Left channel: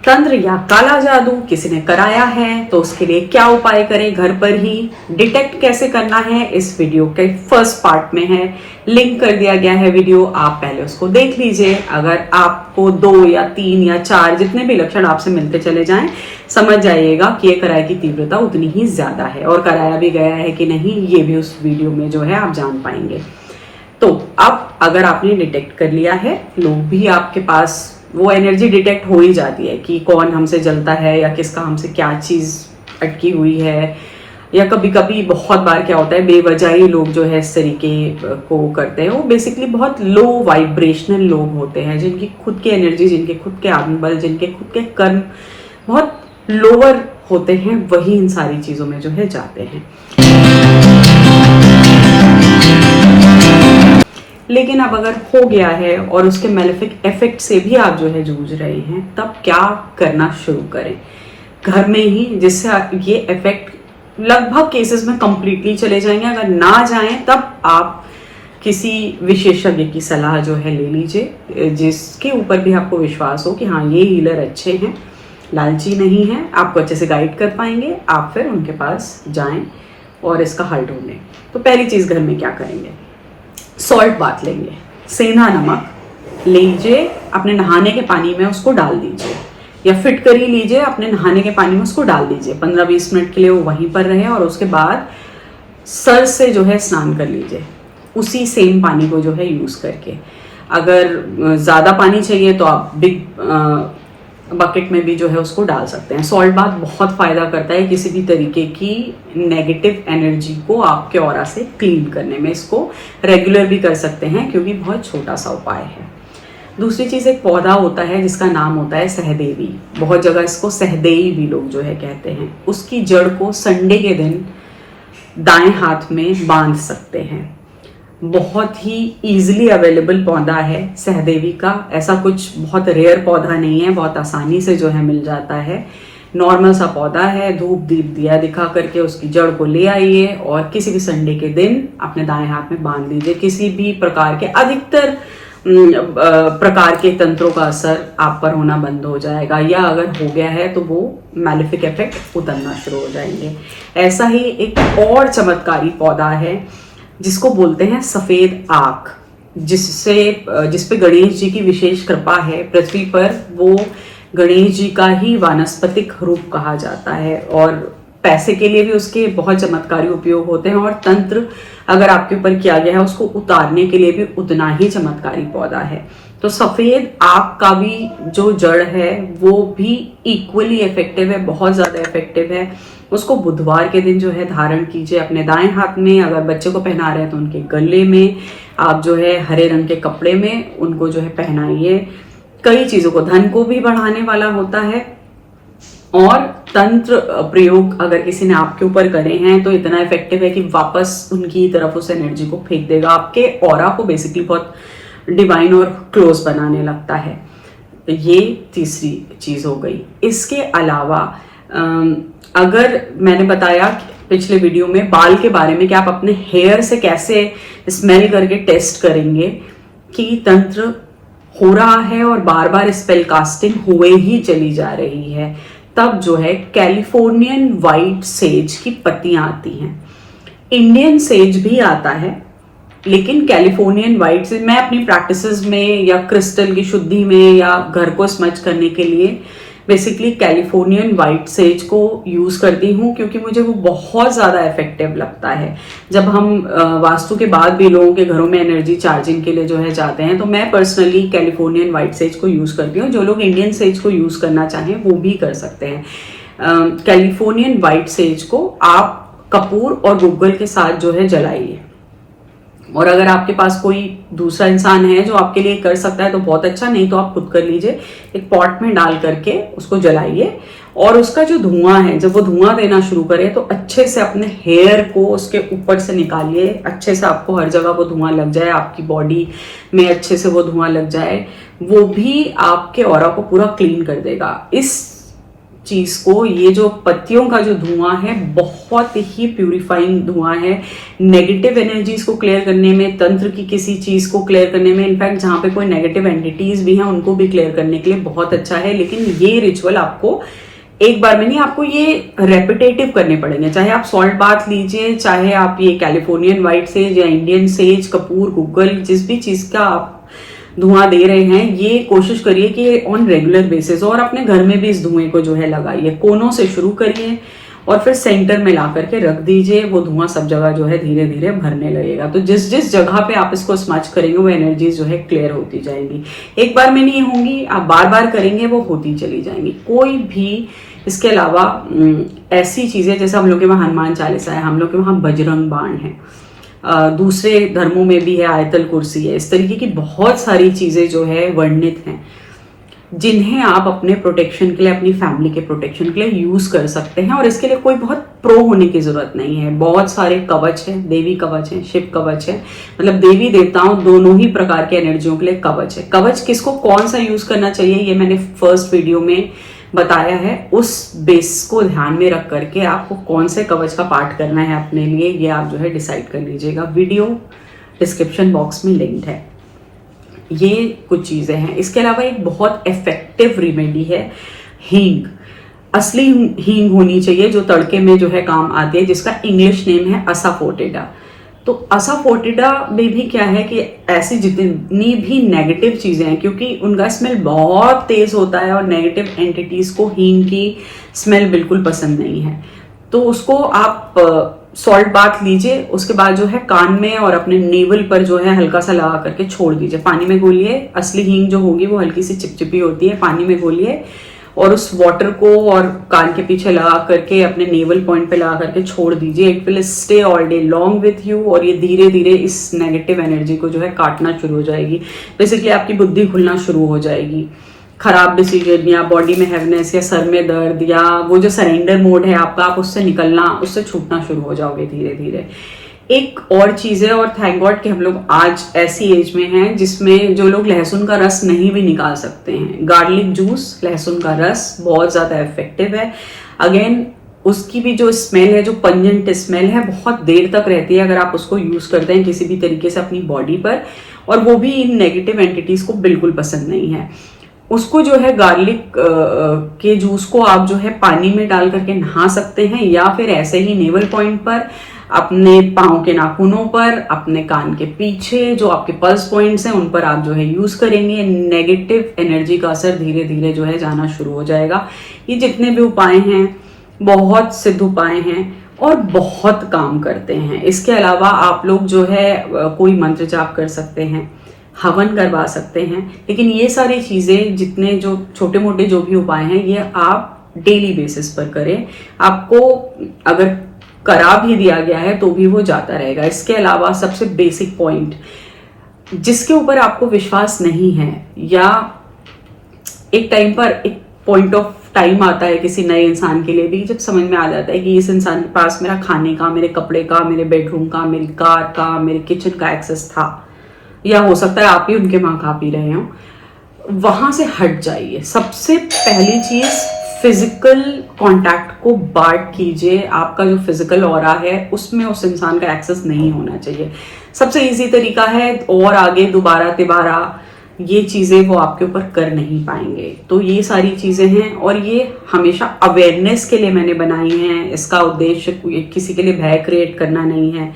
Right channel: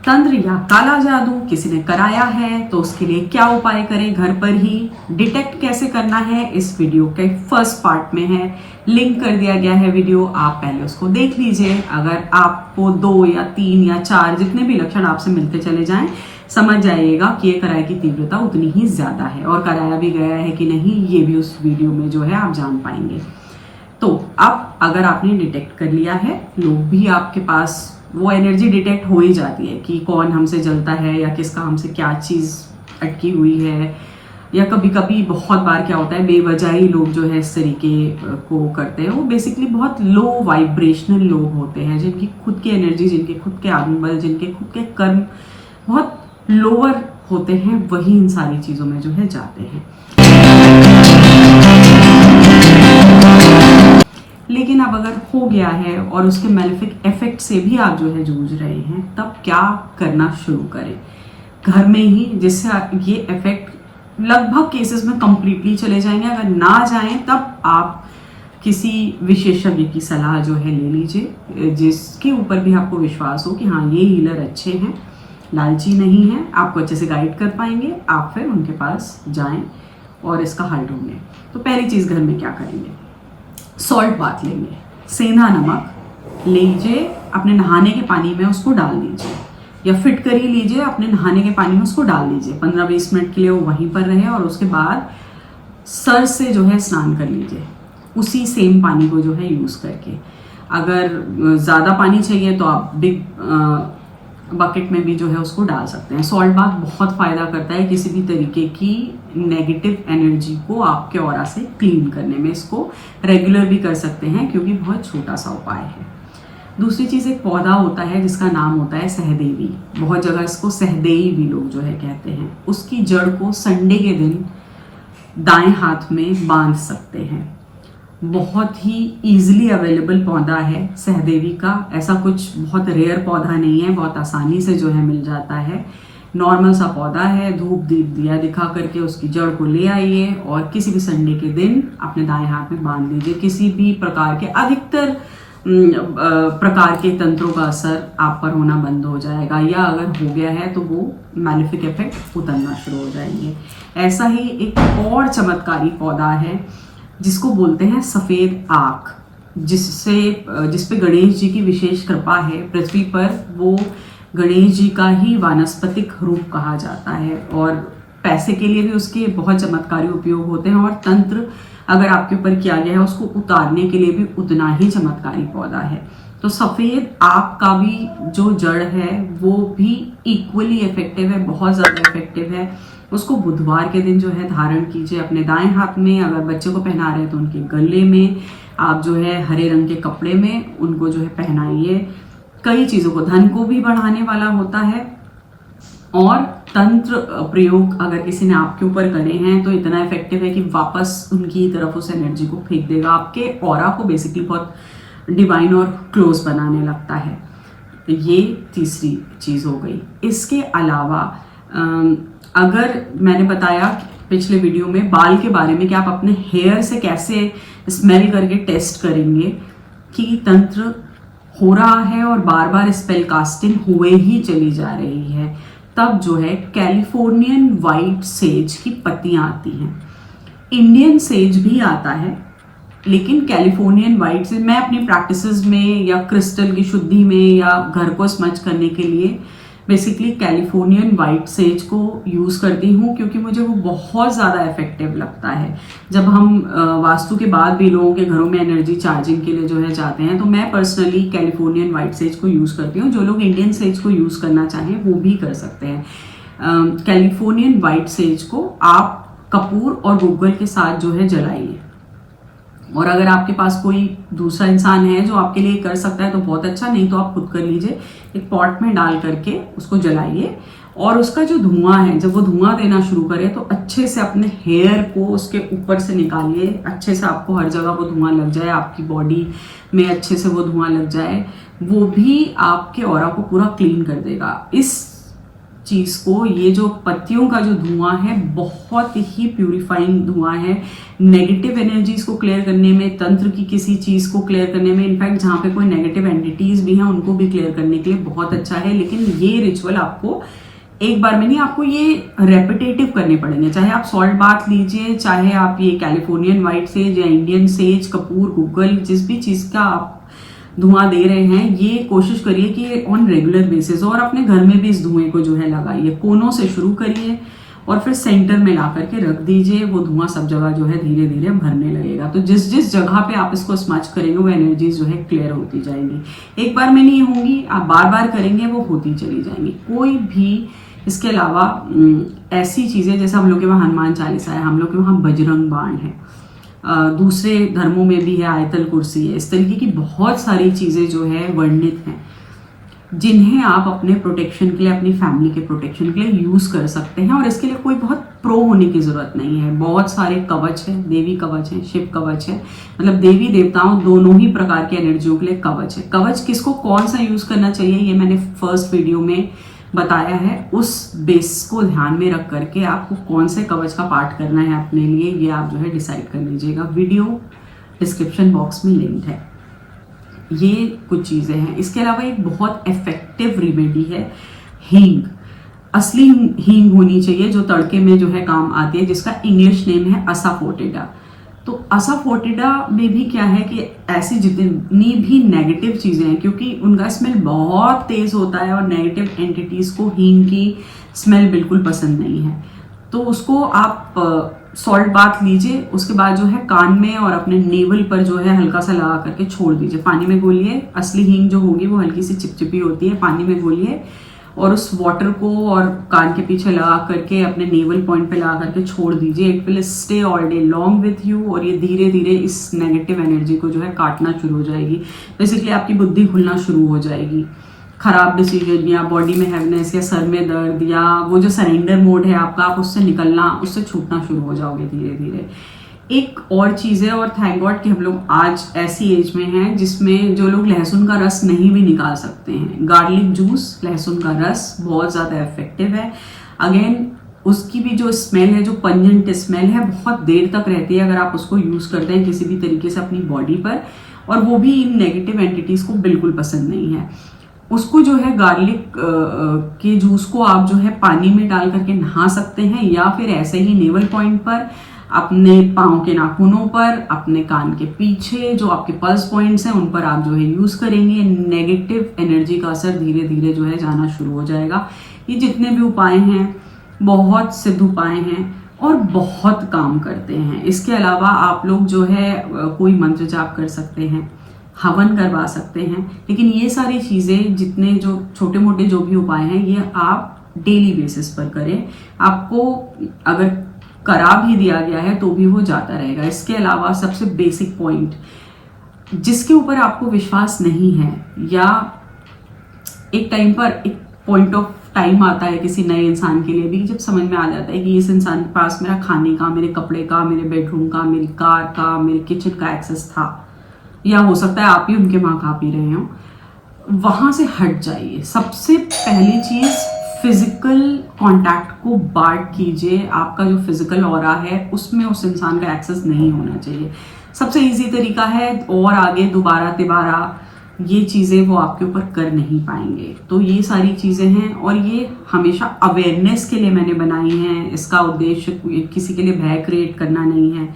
तंत्र या काला जादू किसी ने कराया है तो उसके लिए क्या उपाय करें घर पर ही, डिटेक्ट कैसे करना है, इस वीडियो के फर्स्ट पार्ट में है। लिंक कर दिया गया है वीडियो, आप पहले उसको देख लीजिए। अगर आपको 2 या 3 या 4 जितने भी लक्षण आपसे मिलते चले जाएं, समझ जाइएगा कि ये कराई की तीव्रता उतनी ही ज्यादा है, और कराया भी गया है कि नहीं ये भी उस वीडियो में जो है आप जान पाएंगे। तो अब अगर आपने डिटेक्ट कर लिया है, लोग भी आपके पास वो एनर्जी डिटेक्ट हो ही जाती है कि कौन हमसे जलता है या किसका हमसे क्या चीज़ अटकी हुई है, या कभी कभी बहुत बार क्या होता है बेवजह ही लोग जो है इस तरीके को करते हैं। वो बेसिकली बहुत लो वाइब्रेशनल लोग होते हैं, जिनकी खुद की एनर्जी, जिनके खुद के आत्मबल, जिनके खुद के कर्म बहुत लोअर होते हैं, वही इन सारी चीज़ों में जो है जाते हैं। लेकिन अब अगर हो गया है और उसके मेलेफिक इफेक्ट से भी आप जो है जूझ रहे हैं, तब क्या करना शुरू करें घर में ही, जिससे ये इफेक्ट लगभग केसेस में कंप्लीटली चले जाएंगे। अगर ना जाएं तब आप किसी विशेषज्ञ की सलाह जो है ले लीजिए, जिसके ऊपर भी आपको विश्वास हो कि हाँ ये हीलर अच्छे हैं, लालची नहीं है, आपको अच्छे से गाइड कर पाएंगे। आप फिर उनके पास जाएं और इसका हल ढूंढें। तो पहली चीज़ घर में क्या करेंगे, सॉल्ट बात लेंगे, सेंधा नमक लीजिए, अपने नहाने के पानी में उसको डाल दीजिए, या फिटकरी लीजिए, अपने नहाने के पानी में उसको डाल दीजिए। 15-20 मिनट के लिए वो वहीं पर रहे, और उसके बाद सर से जो है स्नान कर लीजिए, उसी सेम पानी को जो है यूज़ करके। अगर ज़्यादा पानी चाहिए तो आप बिग बकेट में भी जो है उसको डाल सकते हैं। सॉल्ट बाथ बहुत फ़ायदा करता है किसी भी तरीके की नेगेटिव एनर्जी को आपके ऑरा से क्लीन करने में। इसको रेगुलर भी कर सकते हैं क्योंकि बहुत छोटा सा उपाय है। दूसरी चीज़, एक पौधा होता है जिसका नाम होता है सहदेवी, बहुत जगह इसको सहदेई भी लोग जो है कहते हैं। उसकी जड़ को संडे के दिन दाएं हाथ में बांध सकते हैं। बहुत ही ईजिली अवेलेबल पौधा है सहदेवी का, ऐसा कुछ बहुत रेयर पौधा नहीं है, बहुत आसानी से जो है मिल जाता है। नॉर्मल सा पौधा है, धूप दीप दिया दिखा करके उसकी जड़ को ले आइए और किसी भी संडे के दिन अपने दाएं हाथ में बांध लीजिए। किसी भी प्रकार के, अधिकतर प्रकार के तंत्रों का असर आप पर होना बंद हो जाएगा, या अगर हो गया है तो वो मैलेफिक इफेक्ट उतरना शुरू हो जाएंगे। ऐसा ही एक और चमत्कारी पौधा है जिसको बोलते हैं सफेद आक, जिस पे गणेश जी की विशेष कृपा है पृथ्वी पर। वो गणेश जी का ही वानस्पतिक रूप कहा जाता है, और पैसे के लिए भी उसके बहुत चमत्कारी उपयोग होते हैं, और तंत्र अगर आपके ऊपर किया गया है उसको उतारने के लिए भी उतना ही चमत्कारी पौधा है। तो सफेद आक का भी जो जड़ है वो भी इक्वली इफेक्टिव है, बहुत ज्यादा इफेक्टिव है। उसको बुधवार के दिन जो है धारण कीजिए अपने दाएं हाथ में। अगर बच्चे को पहना रहे हैं तो उनके गले में आप जो है हरे रंग के कपड़े में उनको जो है पहनाइए। कई चीजों को, धन को भी बढ़ाने वाला होता है, और तंत्र प्रयोग अगर किसी ने आपके ऊपर करे हैं तो इतना इफेक्टिव है कि वापस उनकी तरफ उस एनर्जी को फेंक देगा, आपके ऑरा को बेसिकली बहुत डिवाइन और क्लोज बनाने लगता है। तो ये तीसरी चीज हो गई। इसके अलावा अगर मैंने बताया पिछले वीडियो में बाल के बारे में कि आप अपने हेयर से कैसे स्मेल करके टेस्ट करेंगे कि तंत्र हो रहा है और बार बार स्पेल कास्टिंग हुए ही चली जा रही है, तब जो है कैलिफोर्नियन वाइट सेज की पत्तियां आती हैं। इंडियन सेज भी आता है, लेकिन कैलिफोर्नियन वाइट सेज मैं अपनी प्रैक्टिसेस में या क्रिस्टल की शुद्धि में या घर को स्मच करने के लिए बेसिकली कैलिफोर्नियन वाइट सेज को यूज करती हूँ, क्योंकि मुझे वो बहुत ज्यादा इफेक्टिव लगता है। जब हम वास्तु के बाद भी लोगों के घरों में एनर्जी चार्जिंग के लिए जो है जाते हैं, तो मैं पर्सनली कैलिफोर्नियन वाइट सेज को यूज करती हूँ। जो लोग इंडियन सेज को यूज करना चाहें वो भी कर सकते हैं। कैलिफोर्नियन वाइट सेज को आप कपूर और गूगल के साथ जो है जलाइए, और अगर आपके पास कोई दूसरा इंसान है जो आपके लिए कर सकता है तो बहुत अच्छा, नहीं तो आप खुद कर लीजिए। एक पॉट में डाल करके उसको जलाइए, और उसका जो धुआं है, जब वो धुआं देना शुरू करे तो अच्छे से अपने हेयर को उसके ऊपर से निकालिए, अच्छे से आपको हर जगह वो धुआं लग जाए, आपकी बॉडी में अच्छे से वो धुआं लग जाए, वो भी आपके ऑरा को पूरा क्लीन कर देगा। इस चीज को, ये जो पत्तियों का जो धुआं है बहुत ही प्यूरिफाइंग धुआं है, नेगेटिव एनर्जीज को क्लियर करने में, तंत्र की किसी चीज को क्लियर करने में, इनफैक्ट जहां पे कोई नेगेटिव एंटिटीज भी हैं उनको भी क्लियर करने के लिए बहुत अच्छा है। लेकिन ये रिचुअल आपको एक बार में नहीं, आपको ये रेपिटेटिव करने पड़ेंगे। चाहे आप सॉल्ट बाथ लीजिए, चाहे आप ये कैलिफोर्नियन व्हाइट सेज या इंडियन सेज, कपूर, गूगल, जिस भी चीज का आप धुआं दे रहे हैं, ये कोशिश करिए कि ऑन रेगुलर बेसिस, और अपने घर में भी इस धुएं को जो है लगाइए। कोनों से शुरू करिए और फिर सेंटर में ला करके रख दीजिए। वो धुआं सब जगह जो है धीरे धीरे भरने लगेगा। तो जिस जिस जगह पे आप इसको स्मच करेंगे वो एनर्जीज जो है क्लियर होती जाएंगी। एक बार में नहीं होंगी, आप बार बार करेंगे वो होती चली जाएंगी। कोई भी इसके अलावा ऐसी चीजें, जैसे हम लोग के वहाँ हनुमान चालीसा है, हम लोग के वहाँ बजरंग बाण है, दूसरे धर्मों में भी है, आयतल कुर्सी है, इस तरीके की बहुत सारी चीजें जो है वर्णित हैं, जिन्हें आप अपने प्रोटेक्शन के लिए, अपनी फैमिली के प्रोटेक्शन के लिए यूज कर सकते हैं। और इसके लिए कोई बहुत प्रो होने की जरूरत नहीं है। बहुत सारे कवच हैं, देवी कवच है, शिव कवच है, मतलब देवी देवताओं दोनों ही प्रकार के एनर्जियों के लिए कवच है। कवच किसको कौन सा यूज करना चाहिए ये मैंने फर्स्ट वीडियो में बताया है। उस बेस को ध्यान में रख करके आपको कौन से कवच का पाठ करना है अपने लिए, ये आप जो है डिसाइड कर लीजिएगा। वीडियो डिस्क्रिप्शन बॉक्स में लिंक्ड है। ये कुछ चीजें हैं। इसके अलावा एक बहुत इफेक्टिव रेमेडी है हींग। असली हींग होनी चाहिए जो तड़के में जो है काम आती है, जिसका इंग्लिश नेम है असाफोटिडा। तो असाफोटिडा में भी क्या है कि ऐसी जितनी भी नेगेटिव चीजें हैं, क्योंकि उनका स्मेल बहुत तेज होता है और नेगेटिव एंटिटीज को हींग की स्मेल बिल्कुल पसंद नहीं है, तो उसको आप सॉल्ट बाथ लीजिए। उसके बाद जो है कान में और अपने नेवल पर जो है हल्का सा लगा करके छोड़ दीजिए। पानी में घोलिए। असली हींग जो होगी वो हल्की सी चिपचिपी होती है। पानी में घोलिए और उस वाटर को और कान के पीछे लगा करके अपने नेवल पॉइंट पे लगा करके छोड़ दीजिए। It will stay all day long with you, और ये धीरे धीरे इस नेगेटिव एनर्जी को जो है काटना शुरू हो जाएगी। बेसिकली आपकी बुद्धि खुलना शुरू हो जाएगी। खराब डिसीजन या बॉडी में हैवनेस या सर में दर्द या वो जो सरेंडर मोड है आपका, आप उससे निकलना, उससे छूटना शुरू हो जाओगे धीरे धीरे। एक और चीज है, और थैंक गॉड कि हम लोग आज ऐसी एज में हैं जिसमें जो लोग लहसुन का रस नहीं भी निकाल सकते हैं। गार्लिक जूस, लहसुन का रस बहुत ज्यादा इफेक्टिव है। अगेन उसकी भी जो स्मेल है, जो पंजेंट स्मेल है, बहुत देर तक रहती है अगर आप उसको यूज करते हैं किसी भी तरीके से अपनी बॉडी पर, और वो भी इन नेगेटिव एंटिटीज को बिल्कुल पसंद नहीं है। उसको जो है गार्लिक के जूस को आप जो है पानी में डाल करके नहा सकते हैं, या फिर ऐसे ही नेवल पॉइंट पर, अपने पाँव के नाखूनों पर, अपने कान के पीछे जो आपके पल्स पॉइंट्स हैं उन पर आप जो है यूज करेंगे। नेगेटिव एनर्जी का असर धीरे धीरे जो है जाना शुरू हो जाएगा। ये जितने भी उपाय हैं बहुत सिद्ध उपाय हैं और बहुत काम करते हैं। इसके अलावा आप लोग जो है कोई मंत्र जाप कर सकते हैं, हवन करवा सकते हैं, लेकिन ये सारी चीजें, जितने जो छोटे मोटे जो भी उपाय हैं, ये आप डेली बेसिस पर करें। आपको अगर करा भी दिया गया है तो भी वो जाता रहेगा। इसके अलावा सबसे बेसिक पॉइंट, जिसके ऊपर आपको विश्वास नहीं है, या एक टाइम पर एक पॉइंट ऑफ टाइम आता है किसी नए इंसान के लिए भी, जब समझ में आ जाता है कि इस इंसान के पास मेरा खाने का, मेरे कपड़े का, मेरे बेडरूम का, मेरी कार का, मेरे किचन का एक्सेस था, या हो सकता है आप ही उनके वहां खा पी रहे हो, वहां से हट जाइए। सबसे पहली चीज, फिजिकल कांटेक्ट को बांट कीजिए। आपका जो फिजिकल ऑरा है उसमें उस इंसान का एक्सेस नहीं होना चाहिए। सबसे इजी तरीका है, और आगे दोबारा तिबारा ये चीजें वो आपके ऊपर कर नहीं पाएंगे। तो ये सारी चीजें हैं, और ये हमेशा अवेयरनेस के लिए मैंने बनाई हैं। इसका उद्देश्य किसी के लिए भय क्रिएट करना नहीं है,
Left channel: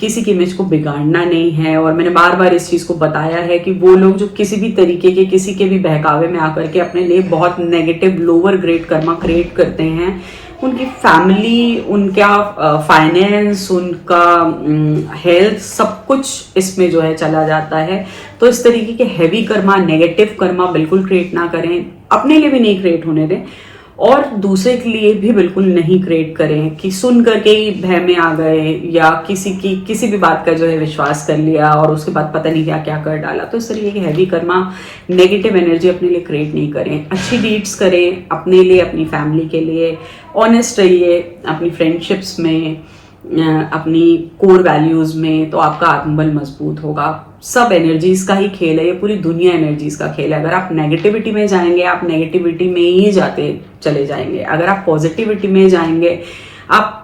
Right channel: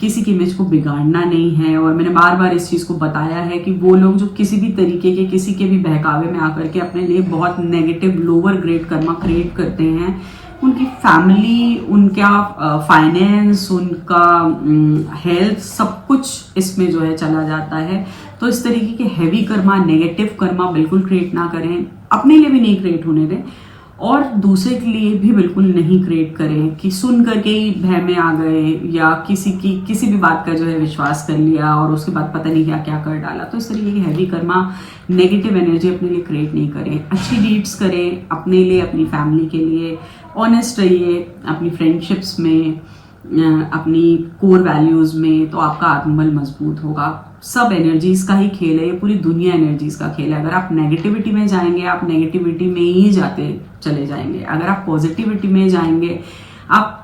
किसी की इमेज को बिगाड़ना नहीं है। और मैंने बार बार इस चीज को बताया है कि वो लोग जो किसी भी तरीके के, किसी के भी बहकावे में आकर के अपने लिए बहुत negative lower grade Karma create करते हैं, उनकी फैमिली, उनका फाइनेंस, उनका हेल्थ, सब कुछ इसमें जो है चला जाता है। तो इस तरीके के हैवी कर्मा, नेगेटिव कर्मा बिल्कुल क्रिएट ना करें, अपने लिए भी नहीं क्रिएट होने दें, और दूसरे के लिए भी बिल्कुल नहीं क्रिएट करें कि सुन करके ही भय में आ गए, या किसी भी बात का जो है विश्वास कर लिया और उसके बाद पता नहीं क्या क्या कर डाला। तो इस तरीके की हैवी कर्मा, नेगेटिव एनर्जी अपने लिए क्रिएट नहीं करें। अच्छी डीड्स करें अपने लिए, अपनी फैमिली के लिए। ऑनेस्ट रहिए अपनी फ्रेंडशिप्स में, अपनी कोर वैल्यूज में, तो आपका आत्मबल मजबूत होगा। सब एनर्जीज का ही खेल है, ये पूरी दुनिया एनर्जीज का खेल है। अगर आप नेगेटिविटी में जाएंगे, आप नेगेटिविटी में ही जाते चले जाएंगे। अगर आप पॉजिटिविटी में जाएंगे, आप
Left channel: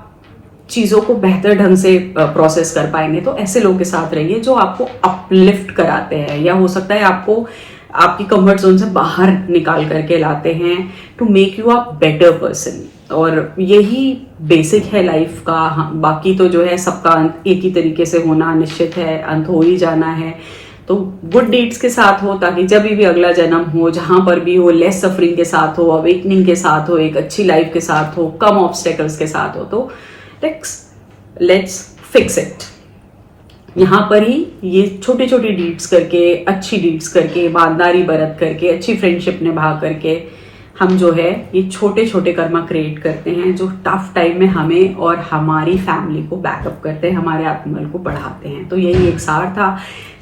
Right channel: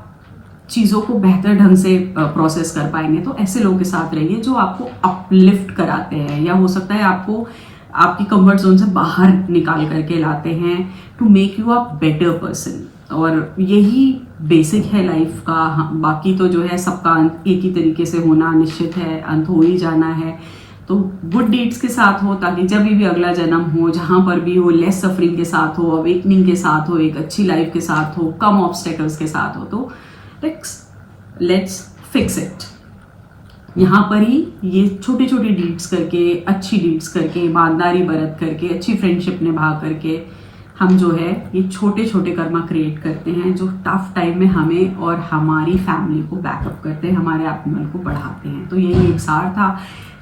चीज़ों को बेहतर ढंग से प्रोसेस कर पाएंगे। तो ऐसे लोगों के साथ रहिए जो आपको अपलिफ्ट कराते हैं, या हो सकता है आपको आपकी कंफर्ट जोन से बाहर निकाल करके लाते हैं, to make you a better person. और यही बेसिक है लाइफ का। बाकी तो जो है सबका अंत एक ही तरीके से होना निश्चित है, अंत हो ही जाना है। तो गुड डीड्स के साथ हो, ताकि जब भी अगला जन्म हो, जहां पर भी हो, लेस सफरिंग के साथ हो, अवेकनिंग के साथ हो, एक अच्छी लाइफ के साथ हो, कम ऑब्स्टेकल्स के साथ हो। तो लेट्स फिक्स इट। यहाँ पर ही ये छोटी छोटी डीड्स करके, अच्छी डीड्स करके, ईमानदारी बरत करके, अच्छी फ्रेंडशिप निभा करके हम जो है ये छोटे छोटे कर्मा क्रिएट करते हैं, जो टफ टाइम में हमें और हमारी फैमिली को बैकअप करते हैं, हमारे आत्मबल को बढ़ाते हैं। तो यही एक सार था।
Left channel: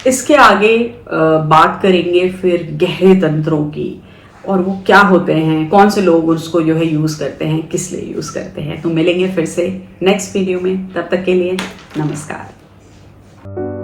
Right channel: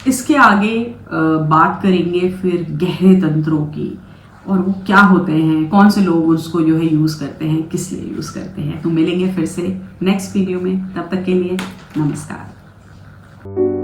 इसके आगे बात करेंगे फिर गहरे तंत्रों की, और वो क्या होते हैं, कौन से लोग उसको जो है यूज़ करते हैं, किस लिए यूज़ करते हैं। तो मिलेंगे फिर से नेक्स्ट वीडियो में, तब तक के लिए नमस्कार।